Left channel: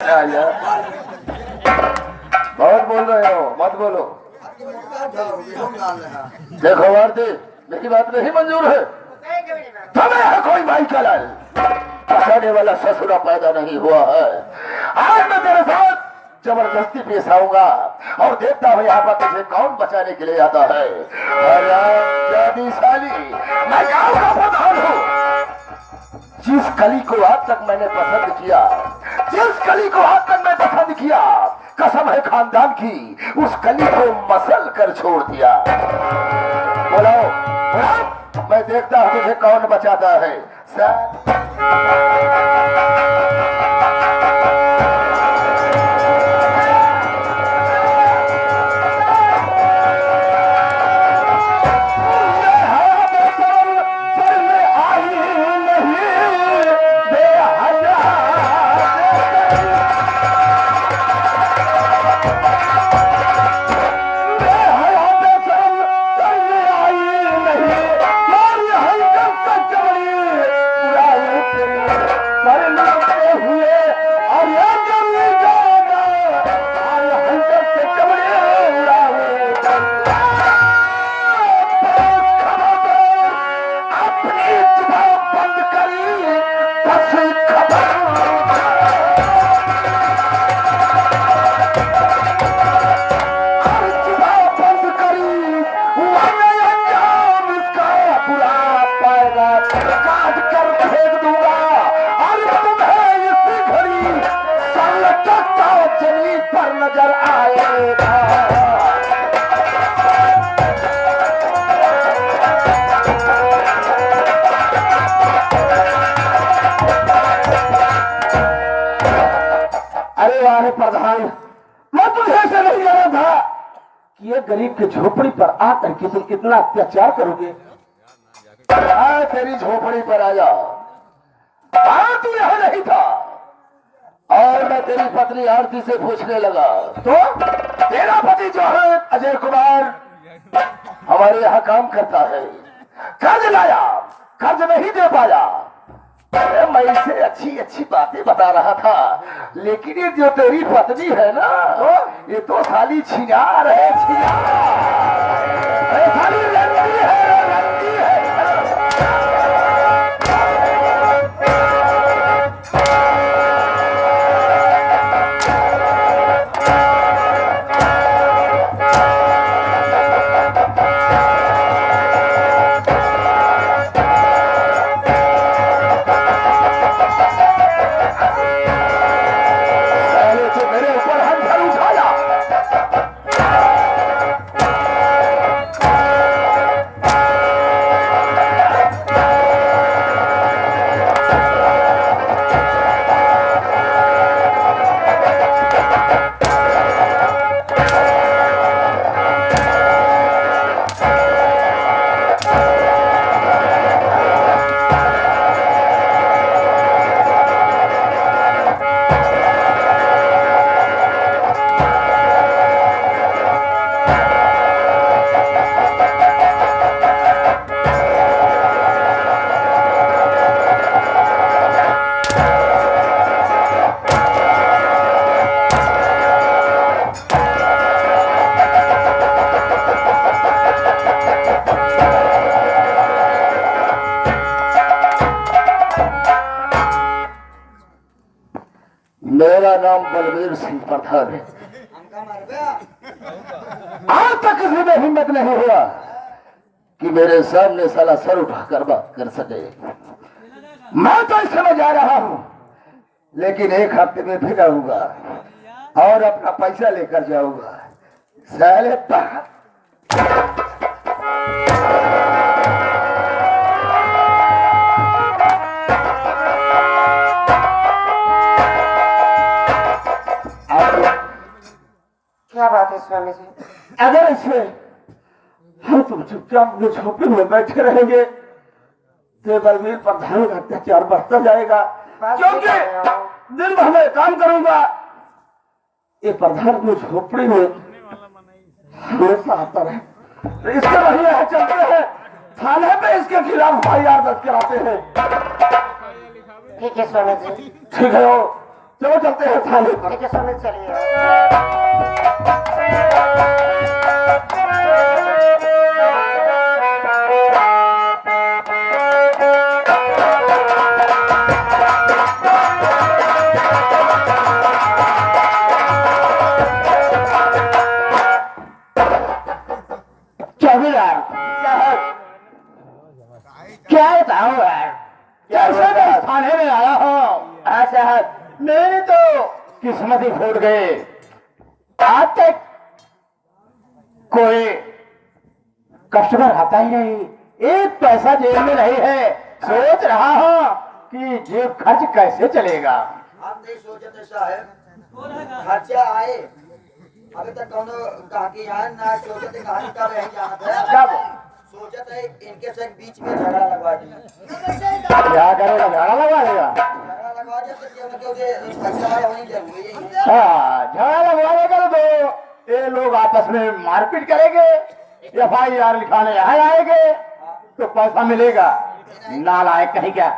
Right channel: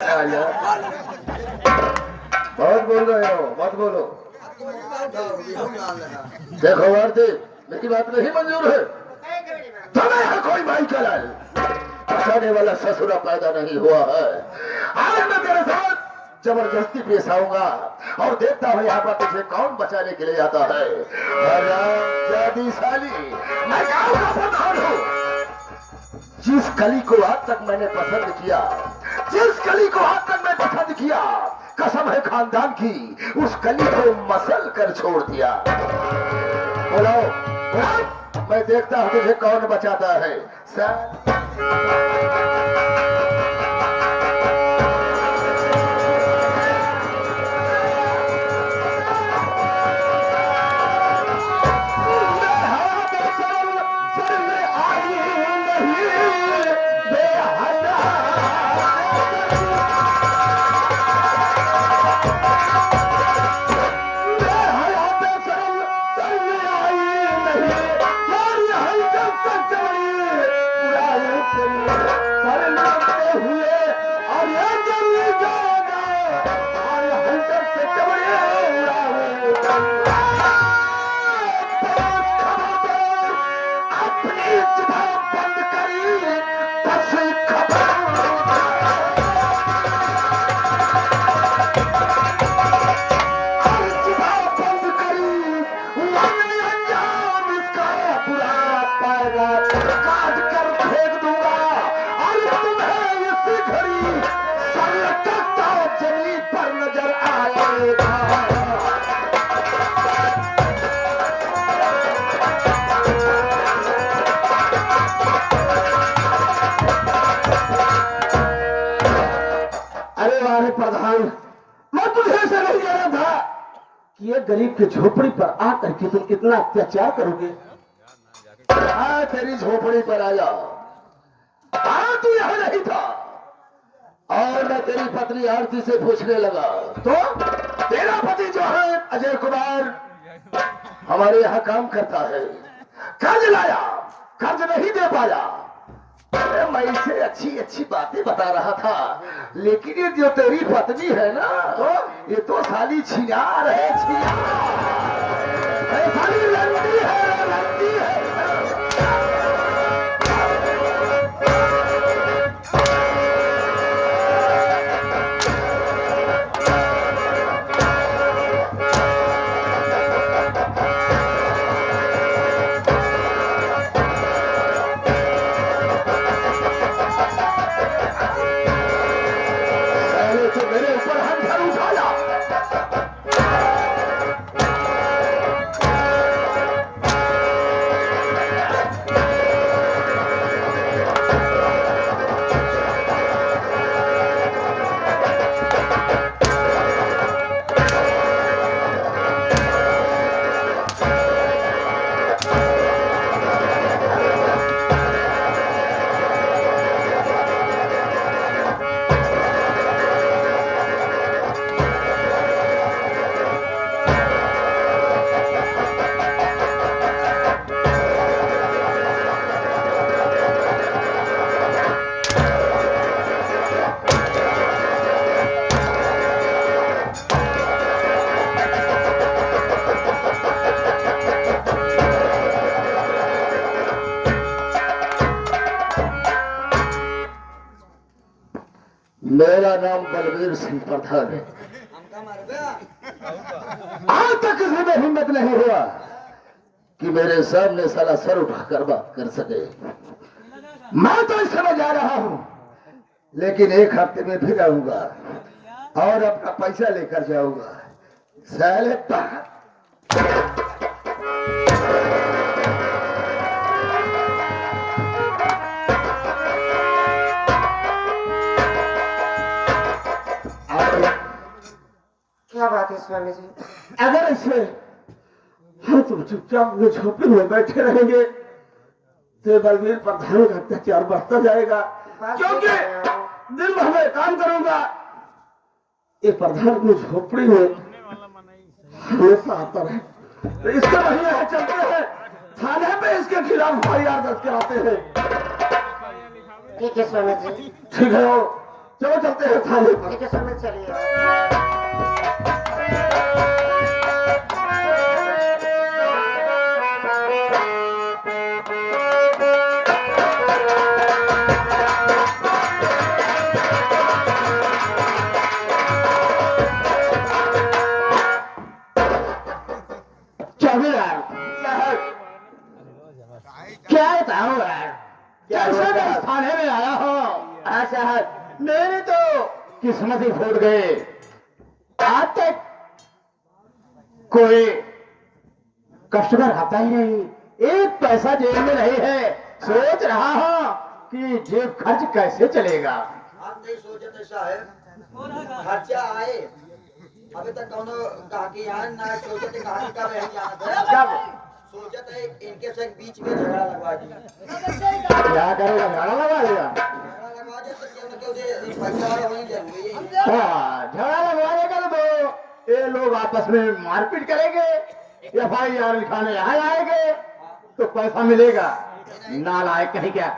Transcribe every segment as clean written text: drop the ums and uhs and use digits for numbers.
बहुत बोल रहे हो, मत बोलो। देखो आरती, लेकिन बात नहीं मंजूर है। तुम्हें यहाँ कोई भाई चला है, बचाने वाला ससुरा पैदा नहीं हुआ है। आज मैं तेरे साथ जबरदस्ती पेश आऊंगा और देखता हूँ यहाँ पर तुझे कौन बचाने के लिए आता है। मैं गाँव का प्रधान हूँ। जिस कली को आज तक मैंने पसंद किया, जिस कली को आज तक मैं पसंद किया, कसम है खानदान की, उस कली को मसल कर छोड़ दिया। बोलो, मैं देखता हूँ तुझे कौन बचाता है। नजर आएगा। अरे वाह प्रधान, मैं तुझे ऐसे नहीं जाना था कि ये गरीब की झोपड़ी पर आकर के तुम इतना अत्याचार करोगे। तेरी झोपड़ी पर आया, तू यहां नहीं था और मैं तेरी पत्नी आरती से पूछने लगा तो तेरा पति जो है अजय कुमार हमारे यहाँ काम करता है, कर्ज लाया, कर्ज नहीं दे पाया। मैं इसे अच्छी अच्छी बातें बता रहा था, लेकिन ये जो तेरी पत्नी है ना, तो ये तो साली छिनार है, साली लंबी है, लंबी है। मेरा नाम बलवीर सिंह प्रधान है। आज तक किसी में हिम्मत नहीं हुआ कि मेरे सामने साला सर उठाकर बात कर सके। मैं तो इस समय जा रहा हूं, लेकिन एक हफ्ते में फिर आऊंगा और अपना पैसा लेकर जाऊंगा। साले क्या बात है स्वामी जी? अगर इसमें हम तुम चुपचाप झोपड़ी में बैठे रहेंगे तो बलवीर प्रधान का अत्याचार बढ़ता जाएगा, क्योंकि दिन भर में काम करूंगा। ये प्रधान को झोपड़ी में हमेशा आता रहे, तो इसके महीने यहाँ चलते हैं, थाने पे इसके खिलाफ FIR दर्ज कराते हैं। ठीक है स्वामी जी। ठीक है, चलो चलते हैं थाने पर। ठीक है स्वामी जी, चलिए। चौकीदार साहब, क्या बताऊं यार, कैसे मैं इस थाने में आया हूँ। हाँ साहब, मेरी तो किस्मत ही फूट गई। आज तक कोई कस्टमर आता ही नहीं, एक पैसा जेब में नहीं है। सोच रहा हूँ कि जेब खर्च कैसे चलेगा। हम नहीं सोचे थे साहब, खर्चा आए अभी तक कौन गाहकी आए ना सोचे थे गाहकी का रह जाना था। कब? सोचे थे इनके से बीच में झगड़ा लगवा दिया। क्या करेगा, झाड़ा लगा देगा। झगड़ा लगवा दिया तो क्यों ना क्यों दे पैसा वही जरूरी है। हाँ, झगड़ा लगवाने का तो ये लोग आपस में मारपीट करेंगे, FIR लिखाने यहाँ आएंगे तो पैसा मिलेगा। नालायक कहीं क्या।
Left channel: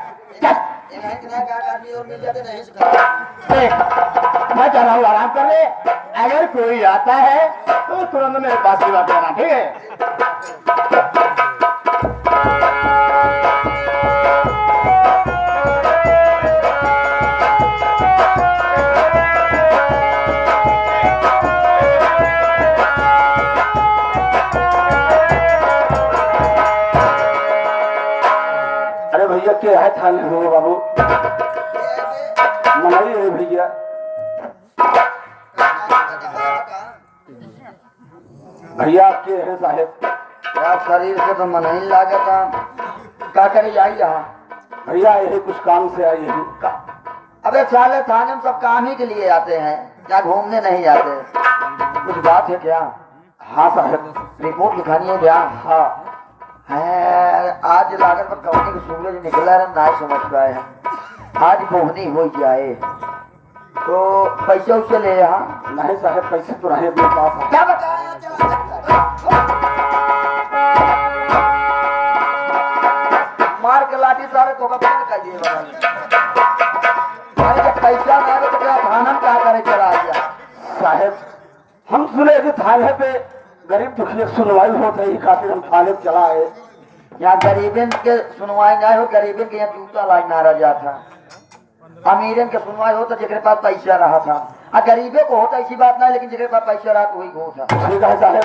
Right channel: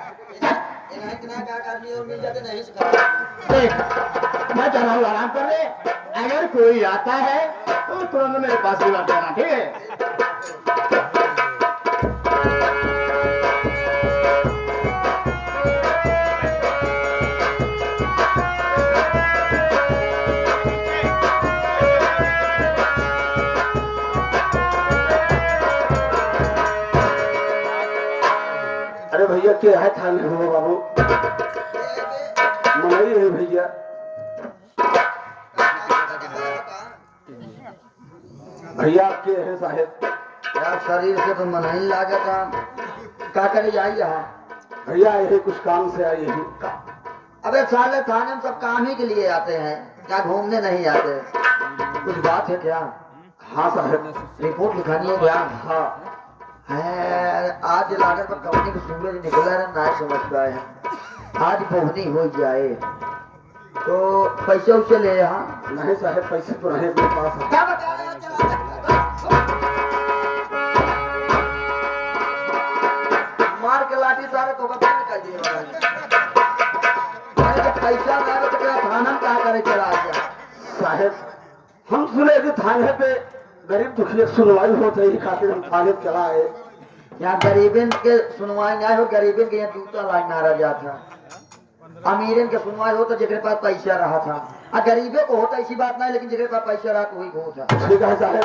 चल, इन्हें कितना का आदमी और मिल जाते नहीं सिखा। देख, मैं चला हूँ आराम करने। अगर कोई आता है तो तुरंत मेरे पास ही बात करना, ठीक है। अरे भैया क्या है थाने हो बाबू, मनाई है भैया। भैया आपके हैं साहेब। यार शरीर से तो मन ही लागा था, क्या करे आई यहाँ। भैया यही कुछ काम से आई है। अबे साले थाने में सब काम ही के लिए आते हैं, क्या घूमने नहीं आते। कुछ बात है क्या? हाँ साहेब। रिपोर्ट लिखानी है क्या? हाँ है, आज लागत पर कवनी को सूरज निकला है, ना समझ पाए हैं। आज बोहनी हो जाए तो पैसे उसे ले यहाँ। नहीं साहेब, पैसे तो रहे अपने पास। क्या बताया? मार के लाठी सारे तो बंद कर दिए। अरे जब पैसा ना आवे तो क्या थाना में क्या करे चला गया। साहेब, हम सुने कि थाने पे गरीब दुखी सुनवाई होते ही खातिर हम थाने पे चला आए। यहाँ गरीबन के सुनवाई ना हो, गरीबन के यहाँ जूता लाइन मारा गया था। अमीरन के सुनवाई हो तो जिसके पास पैसा रहा था, और गरीबे को होता ऐसी बात नहीं, लेकिन जिसके पास पैसा रहा तो वही को था। ठीक है साहेब,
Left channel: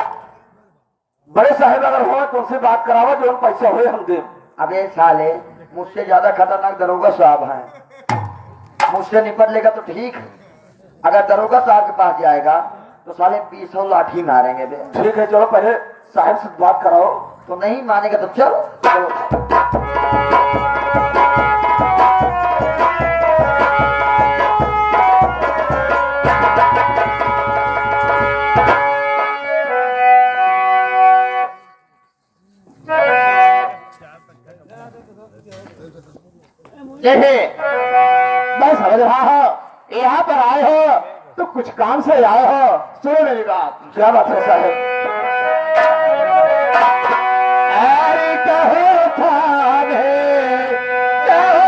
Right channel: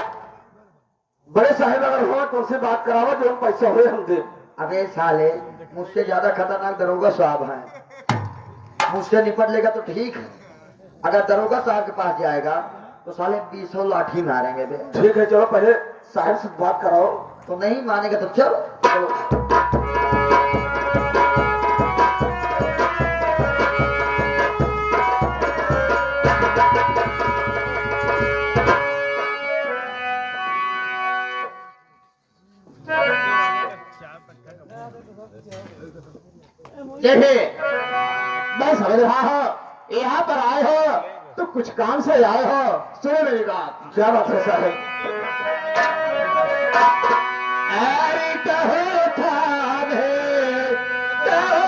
बड़े साहेब अगर हो तो उनसे बात करावा, जो हम पैसा हुए हम दे। अबे साले, मुझसे ज्यादा खतरनाक दरोगा साहब हैं। मुझसे निपट लेगा तो ठीक है, अगर दरोगा साहब के पास जाएगा तो साले 20 लाठी मारेंगे बे। ठीक है, चलो पहले साहब से बात कराओ। तो नहीं मानेगा तो चलो चलो। देखिए, मैं समझ रहा हूँ यहाँ पर आए हो तो कुछ काम से आए हो। सुनो मेरी बात। क्या बात है साहब? अरे कहो थाने, कहो,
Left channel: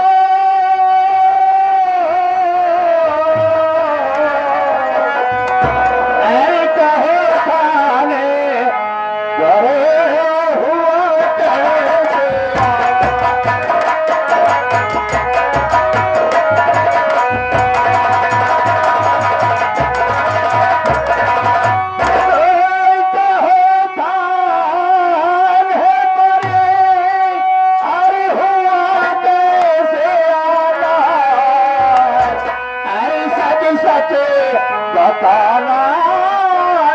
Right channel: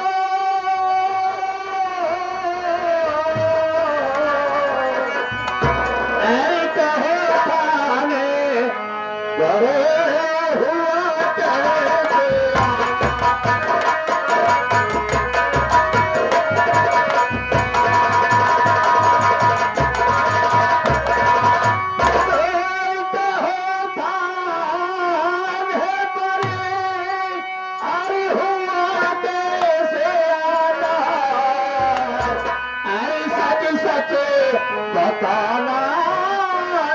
अरे कहो थाने, बड़े हुआ कैसे। बताना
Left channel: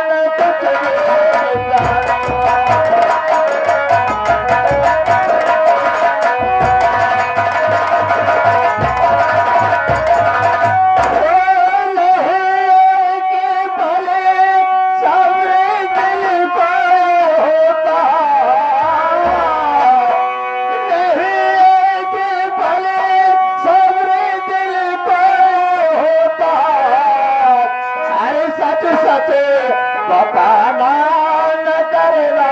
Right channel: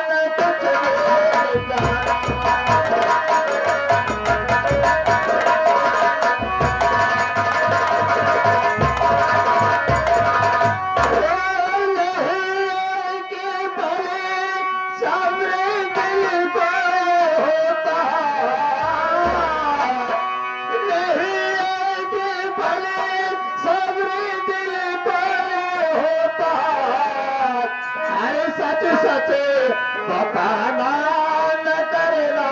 न कुछ बताना न करना।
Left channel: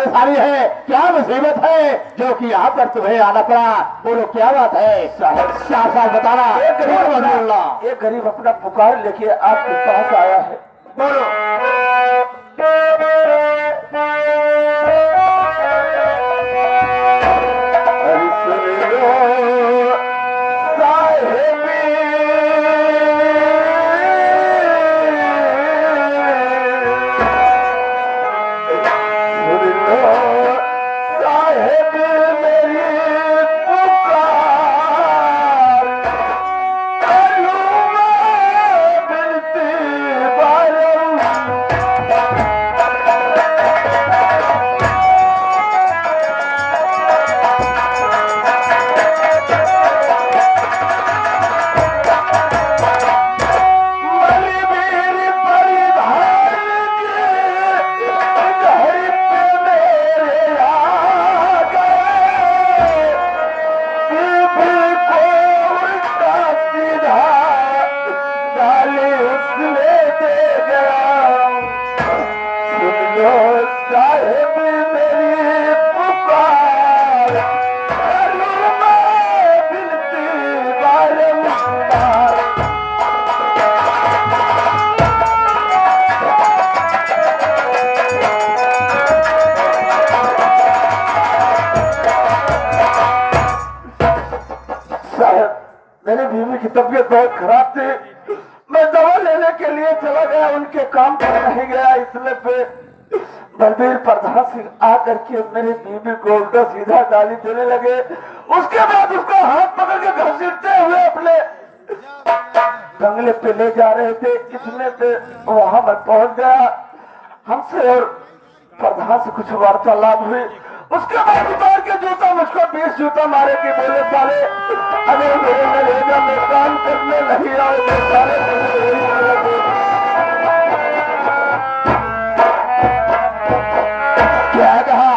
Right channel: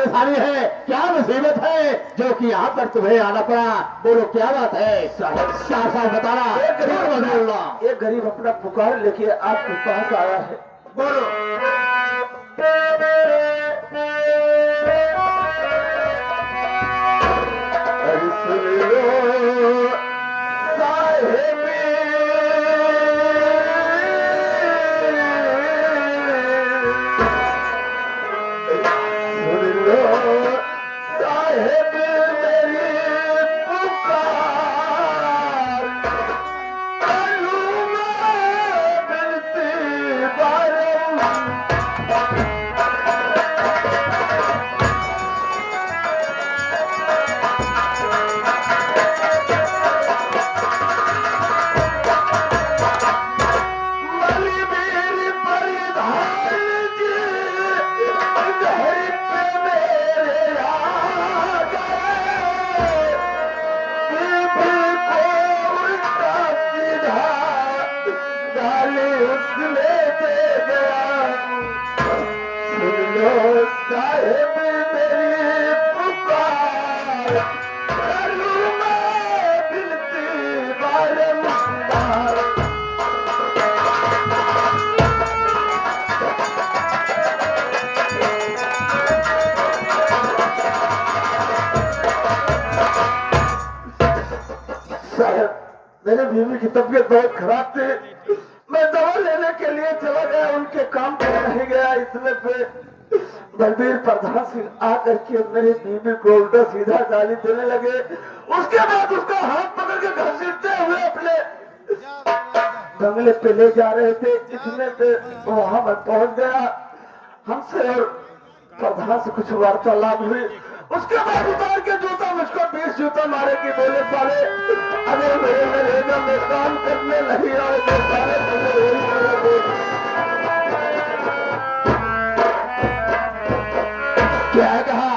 परेशानी है, क्या मुसीबत है जो कि यहाँ पर तुम्हें आना पड़ा? बोलो क्या बात है? साफ साफ बताना। एक गरीब अपना पुकार लेके आपके पास आया है। बोलो। अरे सुन लो साहिब, मेरी बीवी की तबीयत बहुत खराब थी, मैं दवा लेने के लिए चला गया, उनके काम पर नहीं गया, इसलिए पे बलबीर प्रधान सिंह आकर के मेरी बीवी को उल्टा सीधा गाली देने लगे। उसके बाद उसको हाथ पकड़ के घसीटते हुए अपने बंगले पे ले जा रहे थे, इसमें पे वहां मैं पहुंच गया। हमसे और प्रधान से कुछ वार्तालाप हुई, उसके बाद उतार के जूता मुझको 20 जूता मारे कि बोले साले अगर मेरे नरेगा में काम करने नहीं आओ तो सारे क्या कहा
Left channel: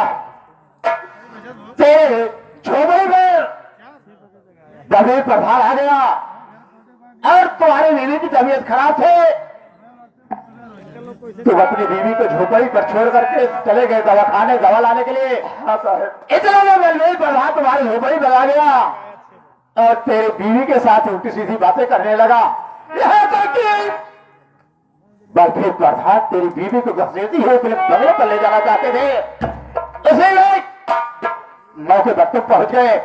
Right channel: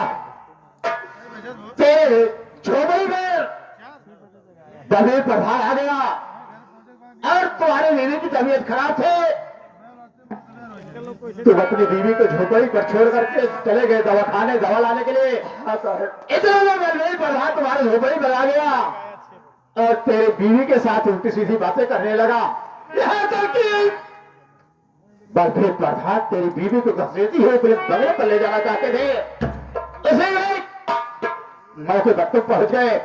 तेरे झोपड़ी में तभी प्रधान आ गया और तुम्हारी बीवी की तबीयत खराब थे, तुम अपनी बीवी को झोपड़ी पर छोड़ करके चले गए दवाखाने दवा लाने के लिए। हाँ साहब। इतने में बलबीर प्रधान तुम्हारी झोपड़ी पर आ गया और तेरे बीवी के साथ उल्टी सीधी बातें करने लगा। यहाँ तक कि बलबीर प्रधान तेरी बीवी को घसीटी है, फिर बंगले पर ले जाना चाहते थे, उसी मौके पर तुम पहुंच गए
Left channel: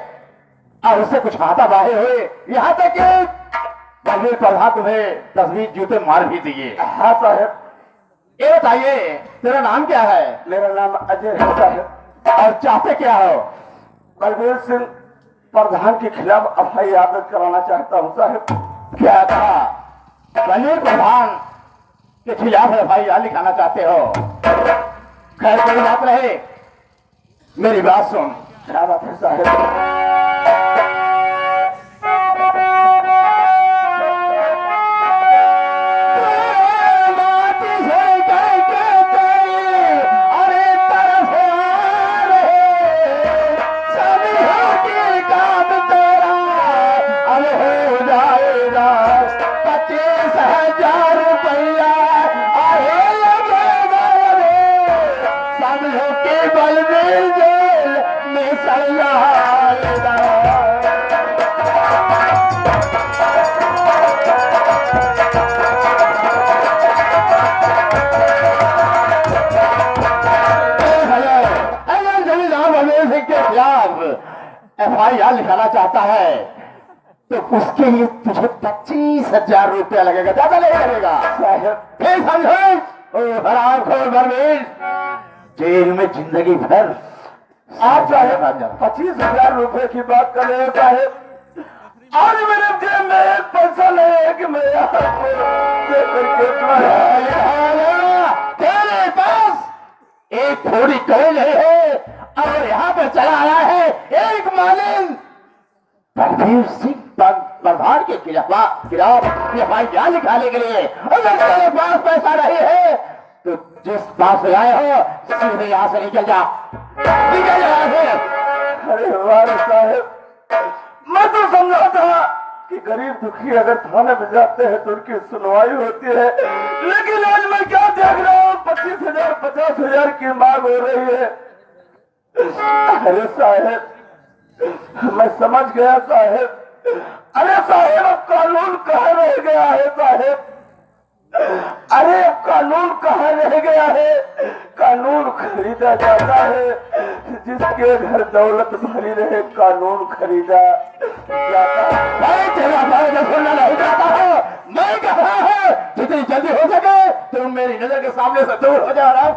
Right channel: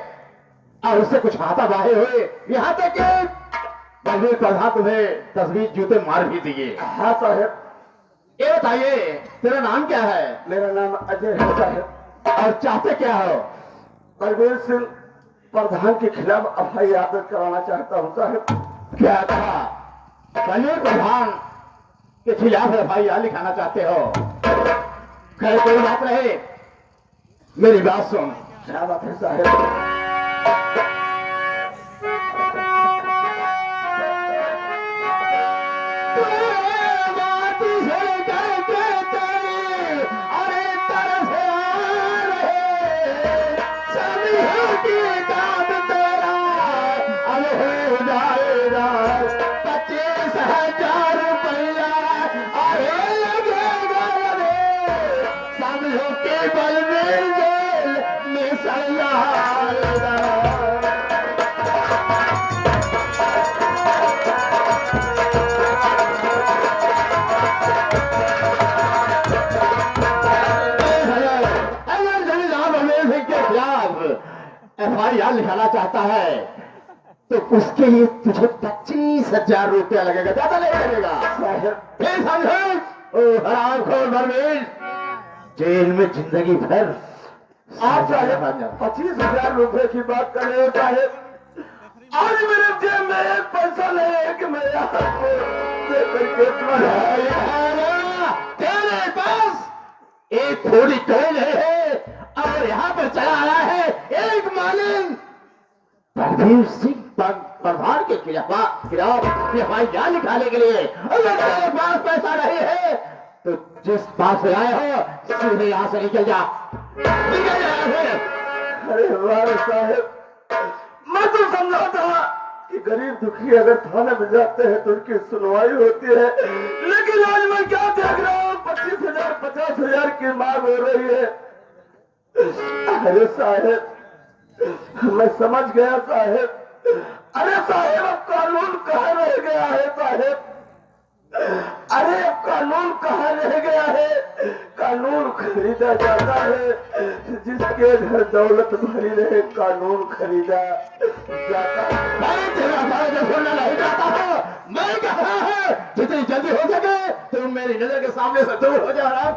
और उससे कुछ हाथापाई हुए, यहाँ तक कि बलबीर प्रधान तुम्हें 10-20 जूते मार भी दिए। हाँ साहब। ये बताइए तेरा नाम क्या है? मेरा नाम अजय है साहब। और चाहते क्या हो? बलबीर सिंह प्रधान के खिलाफ FIR दर्ज कराना चाहता हूँ साहब। क्या कहा? बलबीर प्रधान के खिलाफ FIR लिखाना चाहते हो? खैर कोई बात नहीं, मेरी बात सुन। क्या बात है साहब? FIR लिखाना चाहता है तो उसके लिए तुझे 25,000 रुपया लगेगा, ज्यादा नहीं लगेगा। फिर समझो हरामखोर बलबीर जेल में जिंदगी भर। आप साहब 25,000 रुपए की बात कर रहे हो साहब, आज मेरे जेब में एक पैसा नहीं है कि मैं तेरे पास एक थोड़ी टोल नहीं है और यहाँ पर चला आया है एक मालिक बलबीर सिंह प्रधान के खिलाफ FIR लिखाने के लिए। अगर तेरे पास पैसा नहीं है तो जिस पास से आए हो सीधे यहाँ से निकल जा, निकल जा यहाँ से। अरे वाह साहब, मैं तो समझा था कि गरीब दुखी अगर थाने में जाते हैं तो उनकी सुनवाई होती है, लेकिन आज मैं क्या देख रहा हूँ 25,000 50,000 की मांग हो रही है। अरे साहेब मैं समझ गया साहेब। अरे साहेब अब कानून कहाँ रह गया है साहेब। अरे कानून कहाँ रह गया है। कानून खरीदा जाता है, जिसके घर दौलत भरी रहे कानून खरीदा जाता है। मैं तेरा फायदा खोलना नहीं चाहता हूँ। मैं कह रहा हूँ जितनी जल्दी हो सके तुम मेरी नजर के सामने से दूर हो जा रहा हूँ।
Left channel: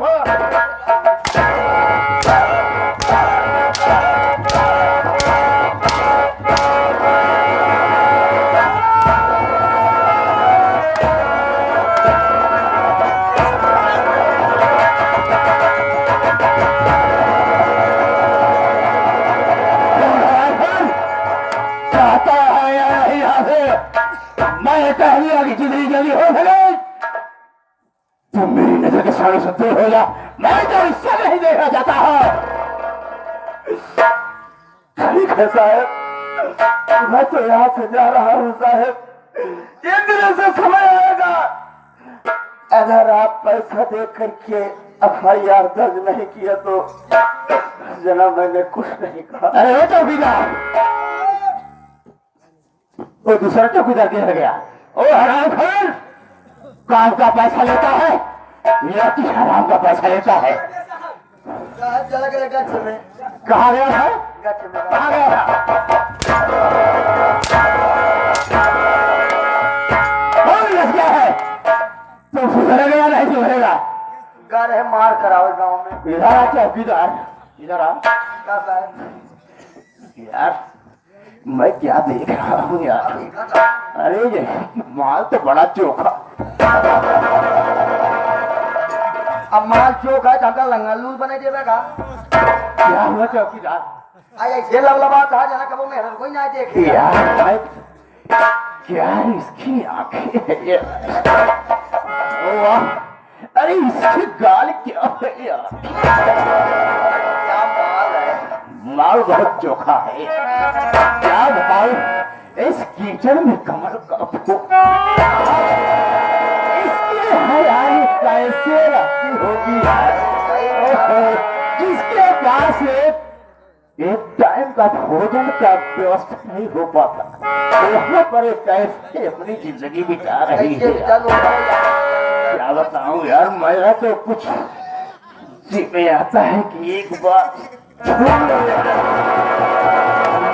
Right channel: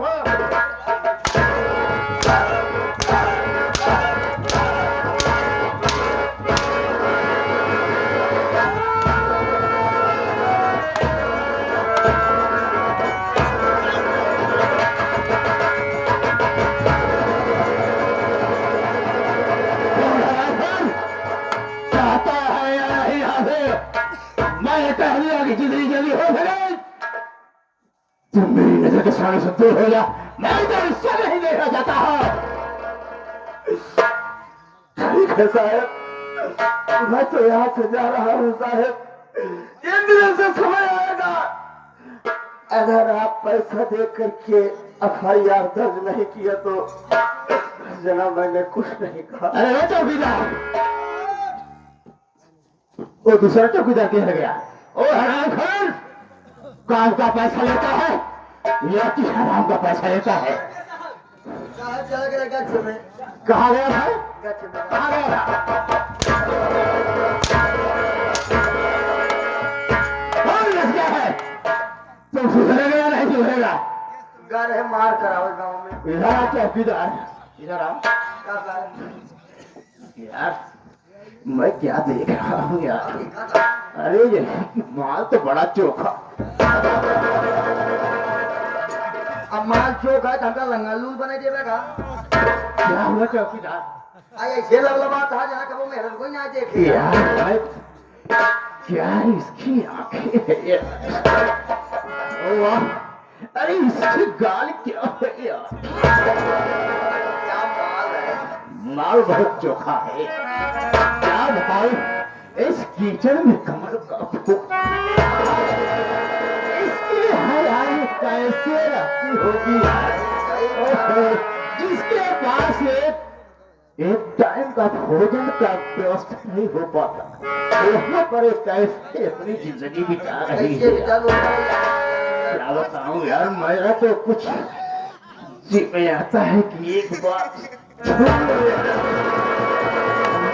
कहता है यहाँ से मैं कह दिया कि जितनी जल्दी हो सके तुम मेरी नजर के सामने से दूर हो जा। मैं तो इससे नहीं देखा जाता है। ठीक है साहब, मैं तो यहाँ से जा रहा हूँ साहब। एक दिन से समय आएगा अगर आप पैसा दे करके FIR दर्ज नहीं किया तो जनाब मैंने कुछ नहीं कहा। अरे वो चौकीदार, वो दूसरा चौकीदार किधर गया? ओ हरामखोर, काम का पैसा लेता है या कि हराम का पैसा लेता है? चला गया गच्छ में। कहाँ गया था? गच्छ में। कहाँ गया था? कौन लग गया है? तुम सुधरेगा या नहीं सुधरेगा? घर है मार कराओ गांव में। इधर आ चौकीदार, इधर आ। का साहब? यार मैं क्या देख रहा हूँ यार। अरे ये माल तो बड़ा चोखा। अब माल चौक है तो लंगलू बने देगा। क्या हुआ चौकीदार? ऐसे लबलबा था जना कबो मेहरन कोई ना देखे। यार मैं क्या इसकी आंखें है ये। ओ वाह, अरे इसकी गाल क्या है यार। क्या माल है। माल बहुत चोखा है। क्या बताऊं, इस कीचड़ में कमर का फूक इसकी हयाली कैसे रहती होगी यार। ओहो, जिसके पास एक टाइम का भोजन का व्यवस्था नहीं हो पाता, वहाँ पर कैसे अपनी जिंदगी बिता रही है यार। क्या बताऊं यार, मेरा तो कुछ जी में आता है कि एक बार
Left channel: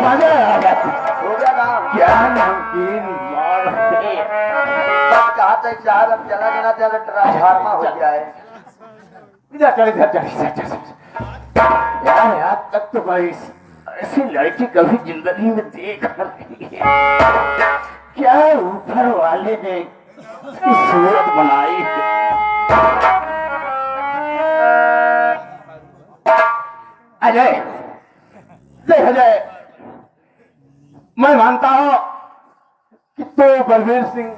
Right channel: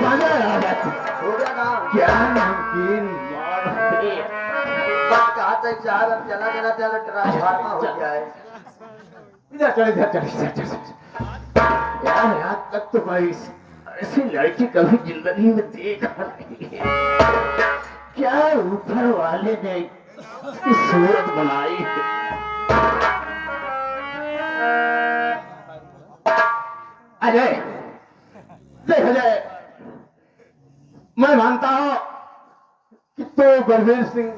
मजा आ जाता। हो गया काम। क्या नमकीन माल है। बस कहा तक चार अब चला देना तेरा ट्रांसफार्मा हो गया है। इधर चल, इधर चल, इधर चल। यार आज तक तो भाई ऐसी लड़की कभी जिंदगी में देखा नहीं है। क्या ऊपर वाले ने इसकी सूरत बनाई है। अजय, देख अजय, मैं मानता हूं कि तो बलवीर सिंह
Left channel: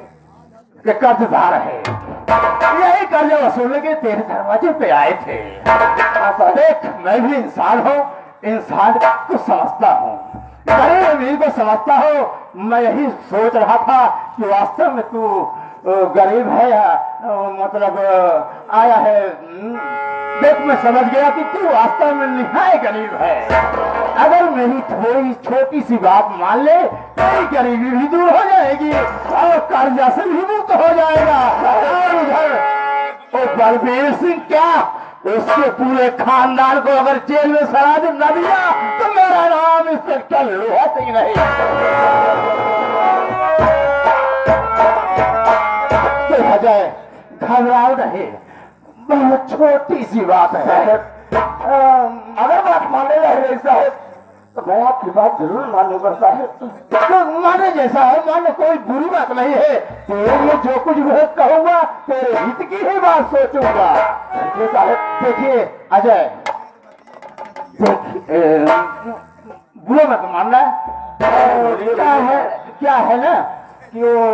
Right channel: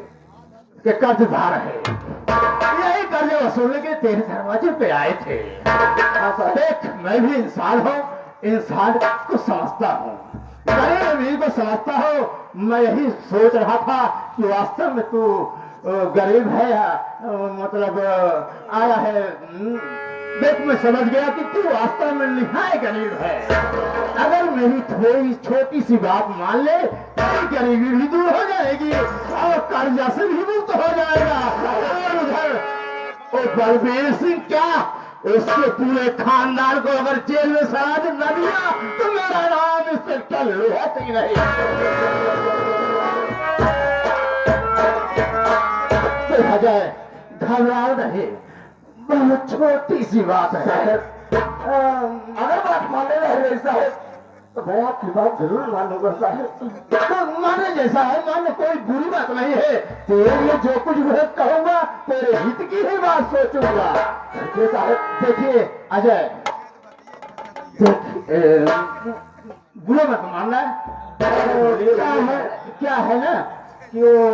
के कर्जदार है। यही कर्ज वसूलने के तेरे दरवाजे पे आए थे। देख मैं भी इंसान हूँ, इंसान को समझता हूँ, गरीब अमीर को समझता हूँ। मैं यही सोच रहा था कि वास्तव में तू गरीब है, मतलब आया है। देख मैं समझ गया कि तू वास्तव में निहायत गरीब है। अगर मेरी थोड़ी छोटी सी बात मान ले, तेरी गरीबी भी दूर हो जाएगी और कर्जा से भी मुक्त हो जाएगा। और उधर वो बलबीर सिंह क्या, उसके पूरे खानदान को अगर जेल में सड़ा न दिया तो मेरा नाम इंस्पेक्टर लोहा सिंह नहीं। देखा जाए, घबराओ नहीं, बहुत छोटी सी बात है। अगर बात माने रहे साहब तो मैं आपकी बात जरूर मानूंगा साहब। तो माने जैसा है माने, कोई बुरी बात नहीं है। तेरे लिए जो कुछ मैं कहूंगा तेरे हित की ही बात सोचूंगा। देखिए साहब, देखिए अजय, बुरा मत मानना। क्या है ना कि वो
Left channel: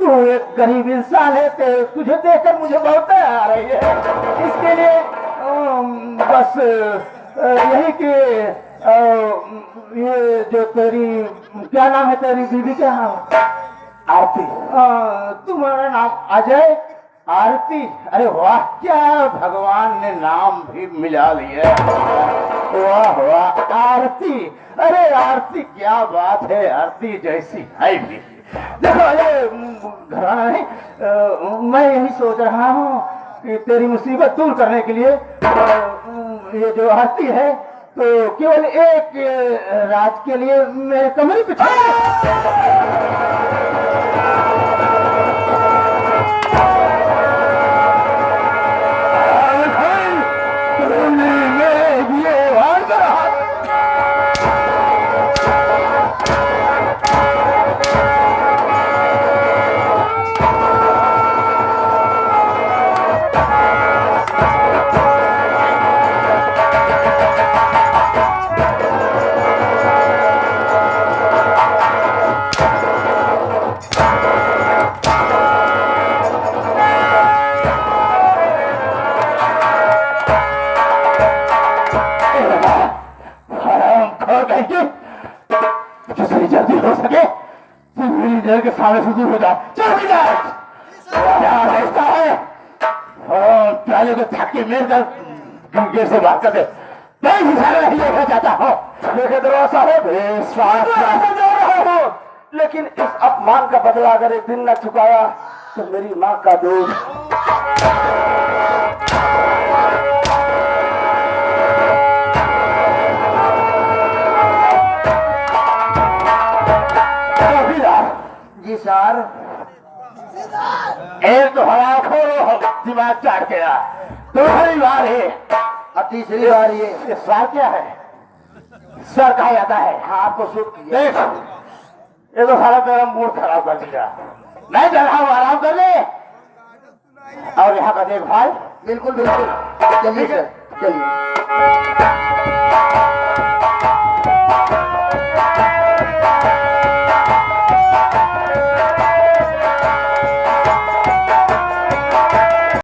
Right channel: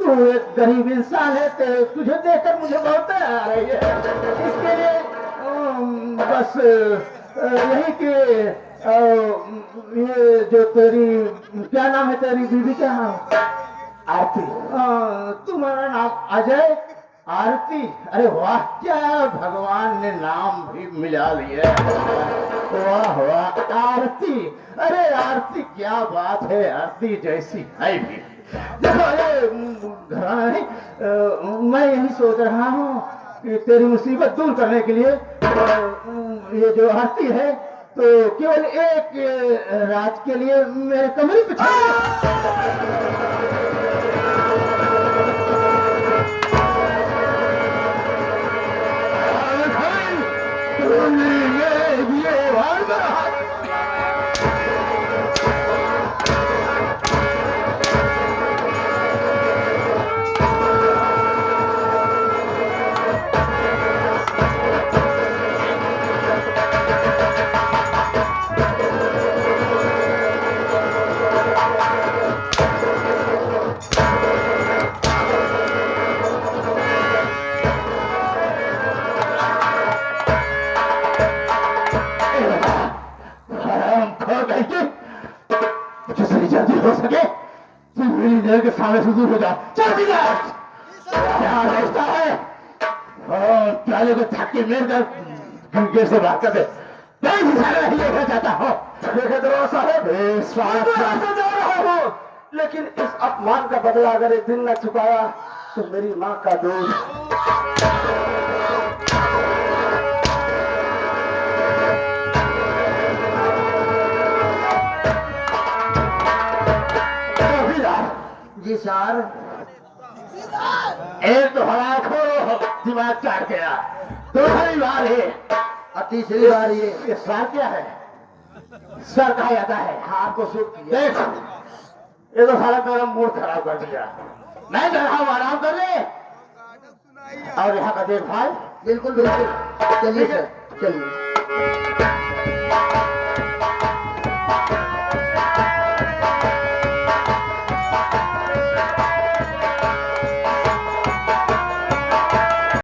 तू एक गरीब इंसान है, तो तुझे देखकर मुझे बहुत दया आ रही है। इसके लिए बस यही कि ये जो तेरी, क्या नाम है तेरी दीदी, क्या आरती, तुम्हारा नाम अजय आरती, अरे वाह, क्या भगवान ने नाम भी मिला लिया। वाह वाह, आरती, अरे आरती क्या बात है, आरती जैसी है भी। देखो ये घराना नहीं, मैं यही सोच रहा हूँ कि तेरी मुसीबत दूर करने के लिए ये जो आरती है तो केवल एक रात के लिए मेरे कमरे पे जितनी जल्दी हो सके तुम मेरी नजर के सामने से दूर हो जा। चल जाए क्या रास्ता है, पहले को थके मेरे घर से बात कर दे। नहीं नहीं देखना चाहता हूँ, देखे दरवाजा है बेस्वाद जा रहा हूँ, लेकिन इस अपमान का बदला अगर एक दिन न चुकाया तो मेरी माँ का दूध। जी सर। एक तो हवा खोलो दिमाग चाट गया, दूसरी बार है और तीसरी बार ये सर क्या है, सर कहा जाता है। हाथ को सुख देख ये तो सारा मेरा मूड खराब कर दिया। मैं जा रहा हूँ, आराम कर ले और यहाँ का देखभाल। बिल्कुल बिल्कुल, चलिए सर चलिए।